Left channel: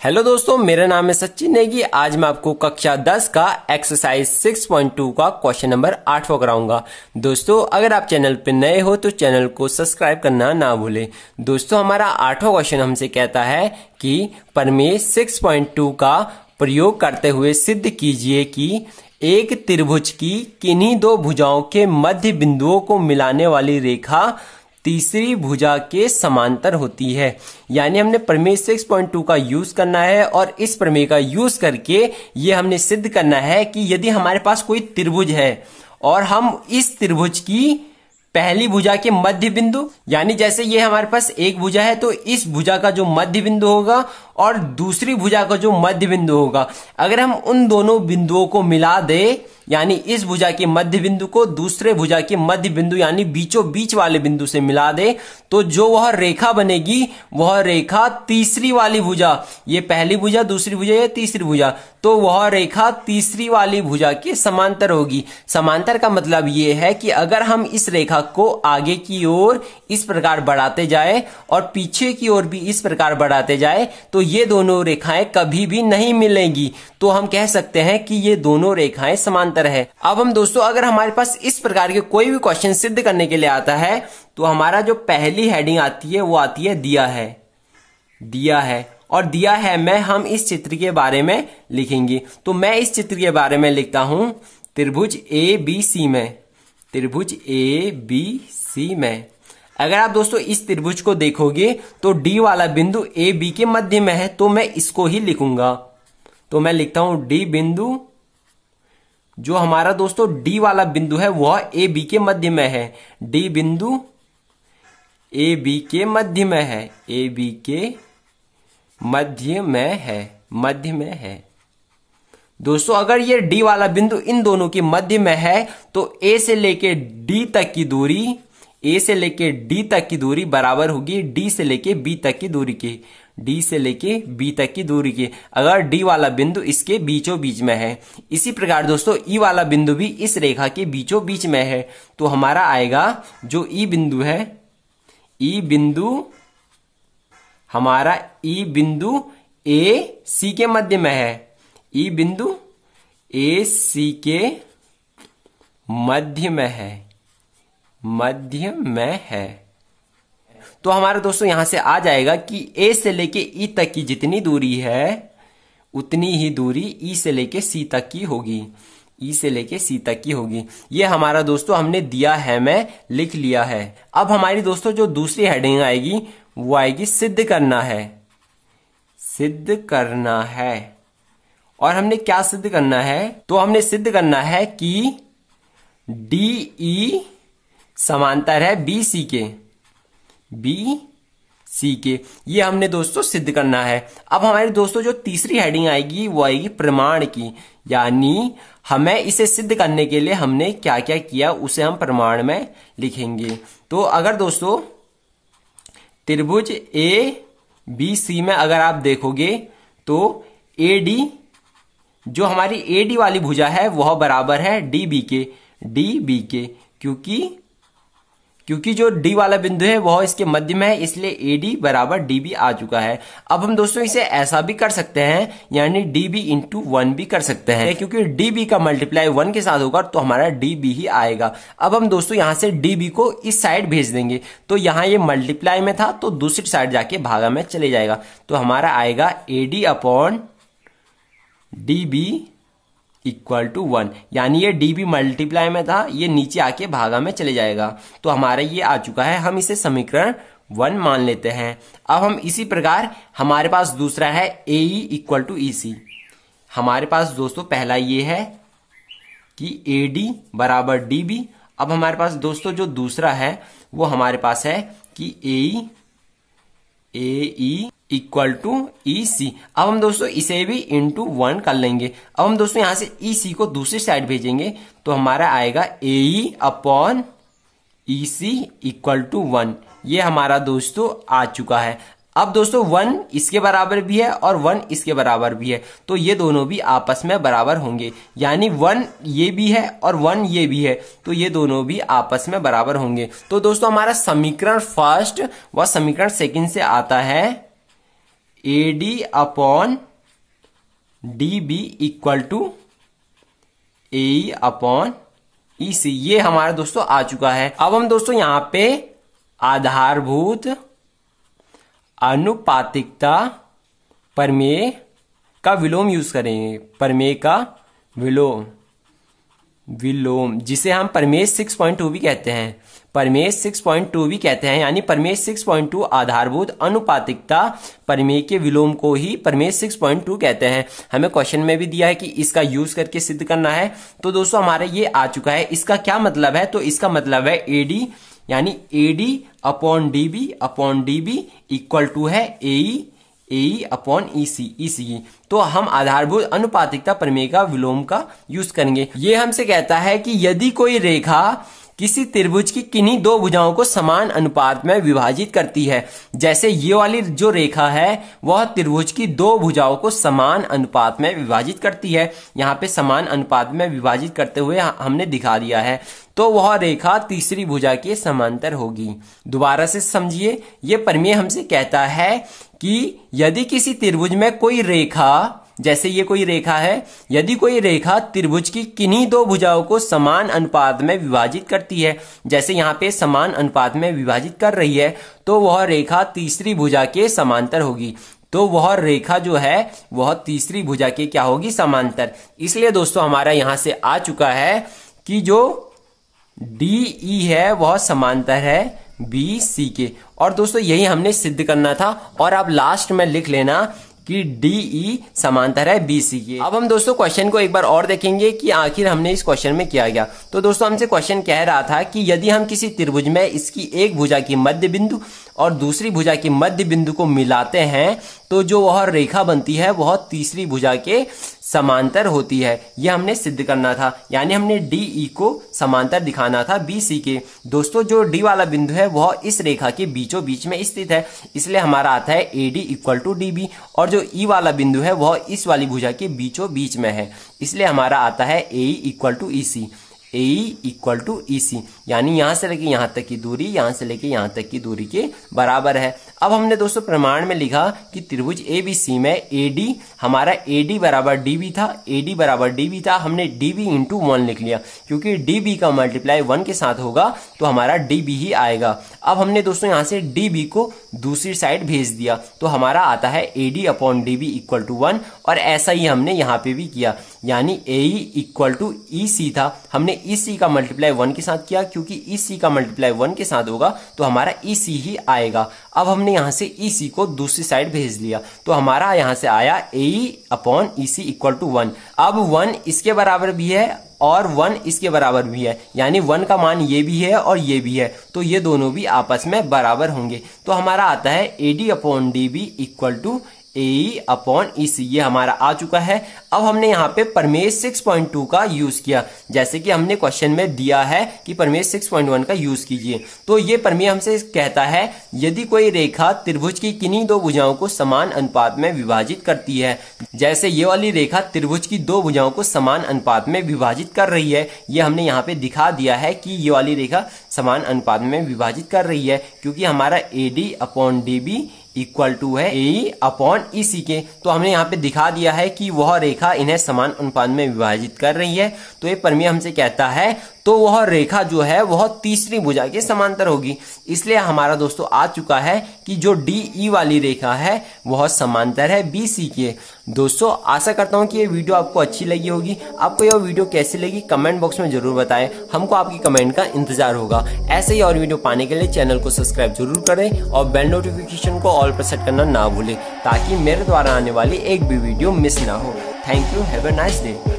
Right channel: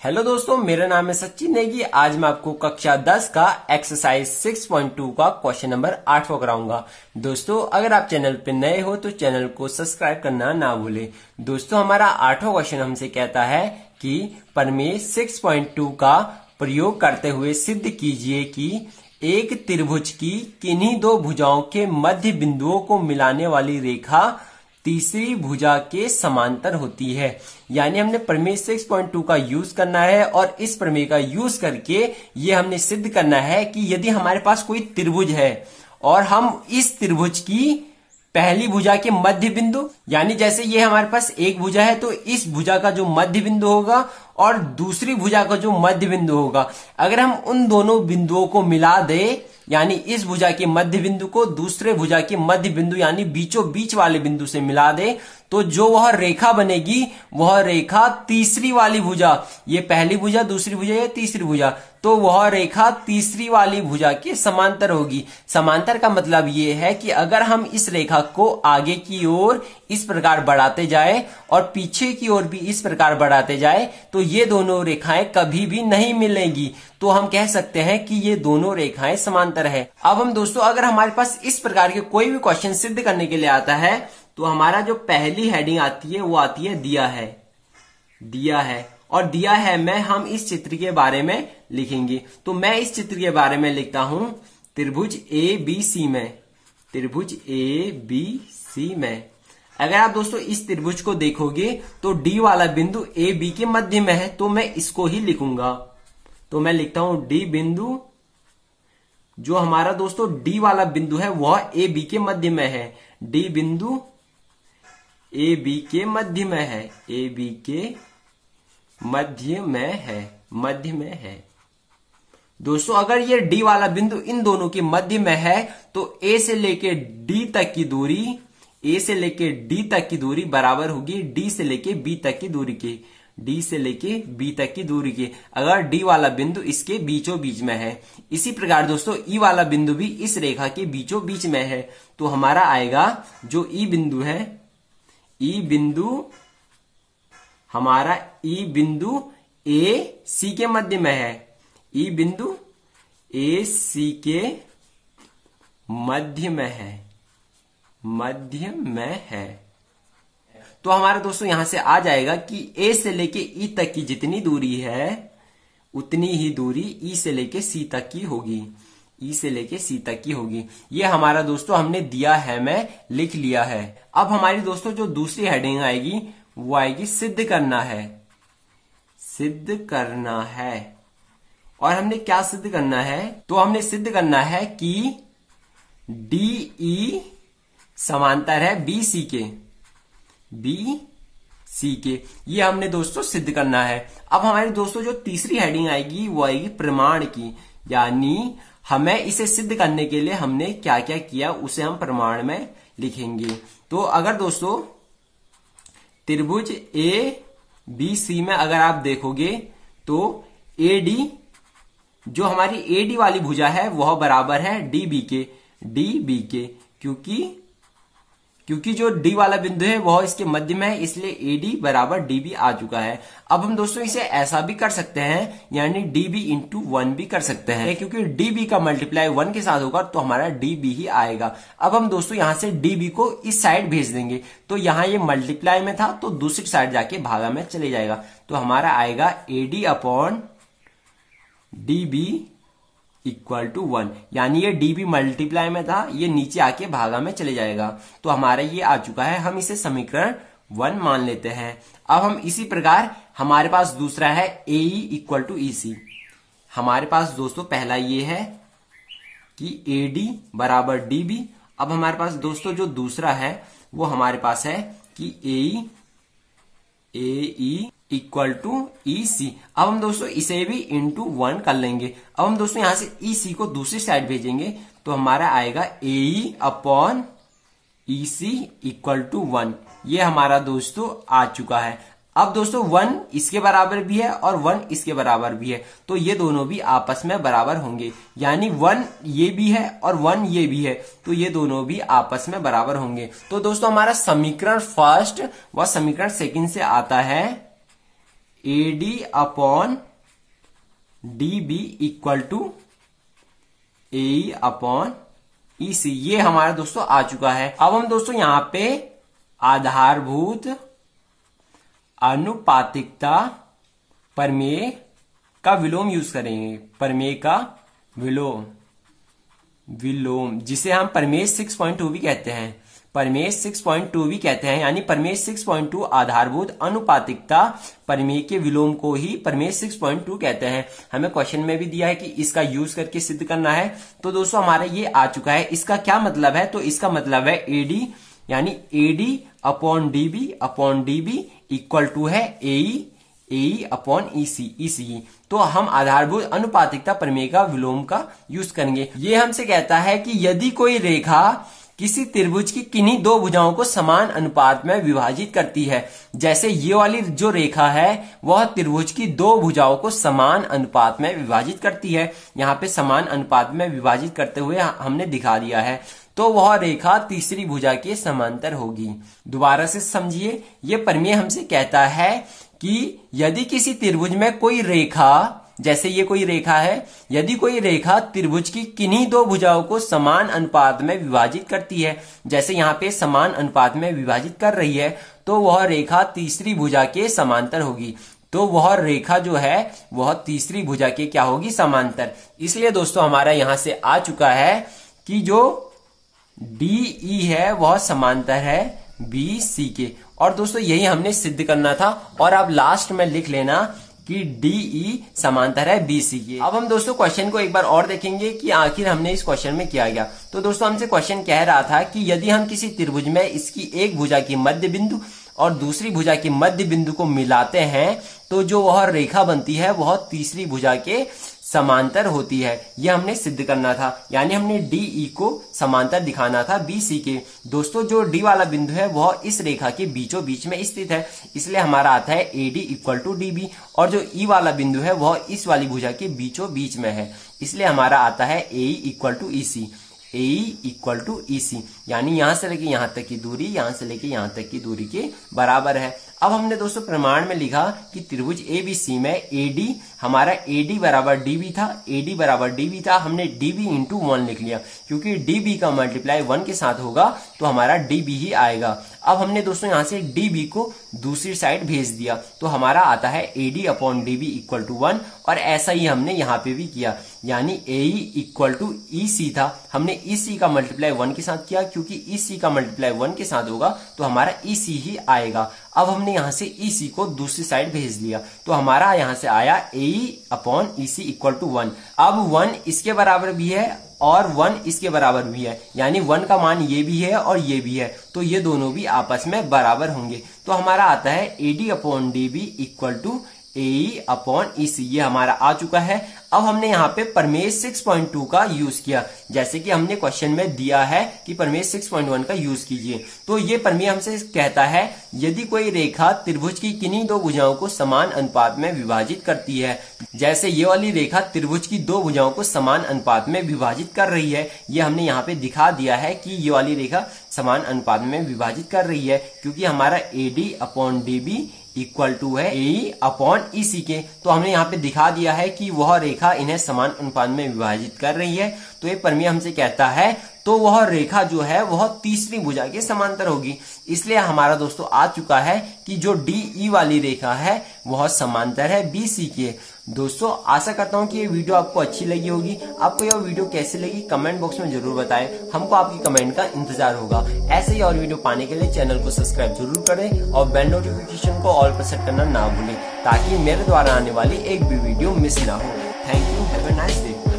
Hello दोस्तों, मेरा नाम है सचिन नेगी। आज मैं आपको कक्षा 10 का एक्सरसाइज 6.2 का क्वेश्चन नंबर 8 कराऊंगा। दोस्तों, अगर आप चैनल पर नए हो तो चैनल को सब्सक्राइब करना ना भूलें। दोस्तों, हमारा 8वां क्वेश्चन हमसे कहता है कि प्रमेय 6.2 का प्रयोग करते हुए सिद्ध कीजिए कि एक त्रिभुज की किन्हीं दो भुजाओं के मध्य बिंदुओं को मिलाने वाली रेखा तीसरी भुजा के समांतर होती है। यानी हमने प्रमेय 6.2 का यूज करना है और इस प्रमेय का यूज करके ये हमने सिद्ध करना है कि यदि हमारे पास कोई त्रिभुज है और हम इस त्रिभुज की पहली भुजा के मध्य बिंदु, यानी जैसे ये हमारे पास एक भुजा है तो इस भुजा का जो मध्य बिंदु होगा और दूसरी भुजा का जो मध्य बिंदु होगा, अगर हम उन दोनों बिंदुओं को मिला दे, यानी इस भुजा के मध्य बिंदु को दूसरे भुजा के मध्य बिंदु यानी बीचों बीच वाले बिंदु से मिला दे, तो जो वह रेखा बनेगी वह रेखा तीसरी वाली भुजा, ये पहली भुजा, दूसरी भुजा या तीसरी भुजा, तो वह रेखा तीसरी वाली भुजा के समांतर होगी। समांतर का मतलब ये है कि अगर हम इस रेखा को आगे की ओर इस प्रकार बढ़ाते जाए और पीछे की ओर भी इस प्रकार बढ़ाते जाए तो ये दोनों रेखाएं कभी भी नहीं मिलेंगी। तो हम कह सकते हैं कि ये दोनों रेखाएं समांतर है। अब हम दोस्तों, अगर हमारे पास इस प्रकार के कोई भी क्वेश्चन सिद्ध करने के लिए आता है तो हमारा जो पहली हेडिंग आती है वो आती है दिया है। दिया है और दिया है में हम इस चित्र के बारे में लिखेंगे। तो मैं इस चित्र के बारे में लिखता हूं त्रिभुज ABC में। त्रिभुज ABC में अगर आप दोस्तों इस त्रिभुज को देखोगे तो D वाला बिंदु AB के मध्य में है, तो मैं इसको ही लिखूंगा। तो मैं लिखता हूं D बिंदु, जो हमारा दोस्तों D वाला बिंदु है वह AB के मध्य में है। D बिंदु AB के मध्य में है, AB के मध्य में है, मध्य में है। दोस्तों, अगर ये D वाला बिंदु इन दोनों के मध्य में है तो A से लेके D तक की दूरी, A से लेके D तक की दूरी बराबर होगी D से लेके B तक की दूरी के, D से लेके B तक की दूरी के, अगर D वाला बिंदु इसके बीचों बीच में है। इसी प्रकार दोस्तों E वाला बिंदु भी इस रेखा के बीचों बीच में है। तो हमारा आएगा जो E बिंदु है, E बिंदु, हमारा E बिंदु AC के मध्य में है। E बिंदु AC के मध्य में है, मध्य में है। तो हमारे दोस्तों यहां से आ जाएगा कि A से लेके E तक की जितनी दूरी है उतनी ही दूरी E से लेके C तक की होगी, E से लेके C तक की होगी। ये हमारा दोस्तों हमने दिया है में लिख लिया है। अब हमारी दोस्तों जो दूसरी हेडिंग आएगी वो आएगी सिद्ध करना है। सिद्ध करना है। और हमने क्या सिद्ध करना है? तो हमने सिद्ध करना है कि DE समांतर है BC के, BC के। ये हमने दोस्तों सिद्ध करना है। अब हमारे दोस्तों जो तीसरी हेडिंग आएगी वो आएगी प्रमाण की, यानी हमें इसे सिद्ध करने के लिए हमने क्या क्या किया उसे हम प्रमाण में लिखेंगे। तो अगर दोस्तों त्रिभुज ABC में अगर आप देखोगे तो AD, जो हमारी AD वाली भुजा है वह बराबर है DB के, क्योंकि जो D वाला बिंदु है वह इसके मध्य में है, इसलिए AD बराबर DB आ चुका है। अब हम दोस्तों इसे ऐसा भी कर सकते हैं, यानी DB इंटू 1 भी कर सकते हैं, क्योंकि DB का मल्टीप्लाई 1 के साथ होगा तो हमारा DB ही आएगा। अब हम दोस्तों यहां से DB को इस साइड भेज देंगे, तो यहां ये मल्टीप्लाई में था तो दूसरी साइड जाके भागा में चले जाएगा। तो हमारा आएगा AD upon DB equal to 1, यानी ये DB मल्टीप्लाई में था, ये नीचे आके भागा में चले जाएगा। तो हमारा ये आ चुका है, हम इसे समीकरण 1 मान लेते हैं। अब हम इसी प्रकार हमारे पास दूसरा है AE इक्वल टू EC। हमारे पास दोस्तों पहला ये है कि AD बराबर DB। अब हमारे पास दोस्तों जो दूसरा है वो हमारे पास है कि AE इक्वल टू EC। अब हम दोस्तों इसे भी इंटू 1 कर लेंगे। अब हम दोस्तों यहां से EC को दूसरी साइड भेजेंगे तो हमारा आएगा AE upon EC equal to 1। ये हमारा दोस्तों आ चुका है। अब दोस्तों 1 इसके बराबर भी है और 1 इसके बराबर भी है, तो ये दोनों भी आपस में बराबर होंगे, यानी 1 ये भी है और 1 ये भी है, तो ये दोनों भी आपस में बराबर होंगे। तो दोस्तों हमारा समीकरण फर्स्ट व समीकरण सेकंड से आता है AD upon DB equal to AE upon EC। ये हमारा दोस्तों आ चुका है। अब हम दोस्तों यहां पे आधारभूत अनुपातिकता प्रमेय का विलोम यूज करेंगे। प्रमेय का विलोम जिसे हम प्रमेय 6.2 भी कहते हैं। प्रमेय 6.2 भी कहते हैं, यानी प्रमेय 6.2 आधारभूत अनुपातिकता प्रमेय के विलोम को ही प्रमेय 6.2 कहते हैं। हमें क्वेश्चन में भी दिया है कि इसका यूज करके सिद्ध करना है। तो दोस्तों हमारा ये आ चुका है। इसका क्या मतलब है? तो इसका मतलब है AD यानी AD upon DB equal to है AE अपॉन EC। तो हम आधारभूत अनुपातिकता प्रमेय का विलोम का यूज करेंगे। ये हमसे कहता है कि यदि कोई रेखा किसी त्रिभुज की किन्हीं दो भुजाओं को समान अनुपात में विभाजित करती है, जैसे ये वाली जो रेखा है वह त्रिभुज की दो भुजाओं को समान अनुपात में विभाजित करती है। यहाँ पे समान अनुपात में विभाजित करते हुए हमने दिखा दिया है। तो वह रेखा तीसरी भुजा के समांतर होगी। दोबारा से समझिए, ये प्रमेय हमसे कहता है कि यदि किसी त्रिभुज में कोई रेखा, जैसे ये कोई रेखा है, यदि कोई रेखा त्रिभुज की किन्हीं दो भुजाओं को समान अनुपात में विभाजित करती है, जैसे यहाँ पे समान अनुपात में विभाजित कर रही है, तो वह रेखा तीसरी भुजा के समांतर होगी। तो वह रेखा जो है वह तीसरी भुजा के क्या होगी? समांतर। इसलिए दोस्तों हमारा यहां से आ चुका है कि जो DE है वह समांतर है BC के। और दोस्तों यही हमने सिद्ध करना था। और अब लास्ट में लिख लेना कि DE समांतर है BC के। अब हम दोस्तों क्वेश्चन को एक बार और देखेंगे कि आखिर हमने इस क्वेश्चन में क्या किया। तो दोस्तों हमसे क्वेश्चन कह रहा था कि यदि हम किसी त्रिभुज में इसकी एक भुजा की मध्य बिंदु और दूसरी भुजा की मध्य बिंदु को मिलाते हैं, तो जो वह रेखा बनती है वह तीसरी भुजा के समांतर होती है। यह हमने सिद्ध करना था, यानी हमने DE को समांतर दिखाना था BC के। दोस्तों जो D वाला बिंदु है वह इस रेखा के बीचों बीच में स्थित है, इसलिए हमारा आता है AD इक्वल टू DB। और जो E वाला बिंदु है वह इस वाली भुजा के बीचों बीच में है, इसलिए हमारा आता है AE equal to EC। AE equal to EC यानी यहां से लेके यहां तक की दूरी यहां से लेके यहां तक की दूरी के बराबर है। अब हमने दोस्तों प्रमाण में लिखा कि त्रिभुज ABC में AD हमारा AD बराबर DB था, AD बराबर DB था। हमने DB इंटू 1 लिख लिया, क्योंकि DB का मल्टीप्लाई 1 के साथ होगा तो हमारा DB ही आएगा। अब हमने दोस्तों यहां से DB को दूसरी साइड भेज दिया, तो हमारा आता है AD upon DB equal to 1। और ऐसा ही हमने यहाँ पे भी किया, यानी AE इक्वल टू EC था। हमने EC का मल्टीप्लाई 1 के साथ किया, क्योंकि EC का मल्टीप्लाई 1 के साथ होगा तो हमारा EC ही आएगा। अब हमने यहां से EC को दूसरी साइड भेज दिया, तो हमारा यहां से आया AE upon EC equal to 1। अब 1 इसके बराबर भी है और 1 इसके बराबर भी है, यानी 1 का मान ये भी है और ये भी है, तो ये दोनों भी आपस में बराबर होंगे। तो हमारा आता है AD upon DB equal to AE upon EC। ये हमारा आ चुका है। अब हमने यहाँ पे प्रमेय 6.2 का यूज किया, जैसे कि हमने क्वेश्चन में दिया है कि प्रमेय 6.1 का यूज कीजिए। तो ये प्रमेय हमसे कहता है यदि कोई रेखा त्रिभुज की किन्हीं दो भुजाओं को समान अनुपात में विभाजित करती है, जैसे ये वाली रेखा त्रिभुज की दो भुजाओं को समान अनुपात में विभाजित कर रही है। ये हमने यहाँ पे दिखा दिया है कि ये वाली रेखा समान अनुपात में विभाजित कर रही है, क्योंकि हमारा AD upon DB equal to है AE अपॉन EC के। तो हमने यहाँ पे दिखा दिया है कि वह रेखा इन्हें समान अनुपात में विभाजित कर रही है। तो ये प्रमेय हमसे कहता है तो वह रेखा जो है वह तीसरी भुजा के समांतर होगी। इसलिए हमारा दोस्तों आ चुका है कि जो DE वाली रेखा है वह समांतर है BC के। दोस्तों आशा करता हूं कि ये वीडियो आपको अच्छी लगी होगी। आपको यह वीडियो कैसी लगी कमेंट बॉक्स में जरूर बताएं, हमको आपकी कमेंट का इंतजार होगा। ऐसे ही और वीडियो पाने के लिए चैनल को सब्सक्राइब जरूर करें और बेल नोटिफिकेशन को ऑल पर सेट करना ना भूलें, ताकि मेरे द्वारा आने वाली एक भी वीडियो मिस ना हो। Thank you, have a nice day.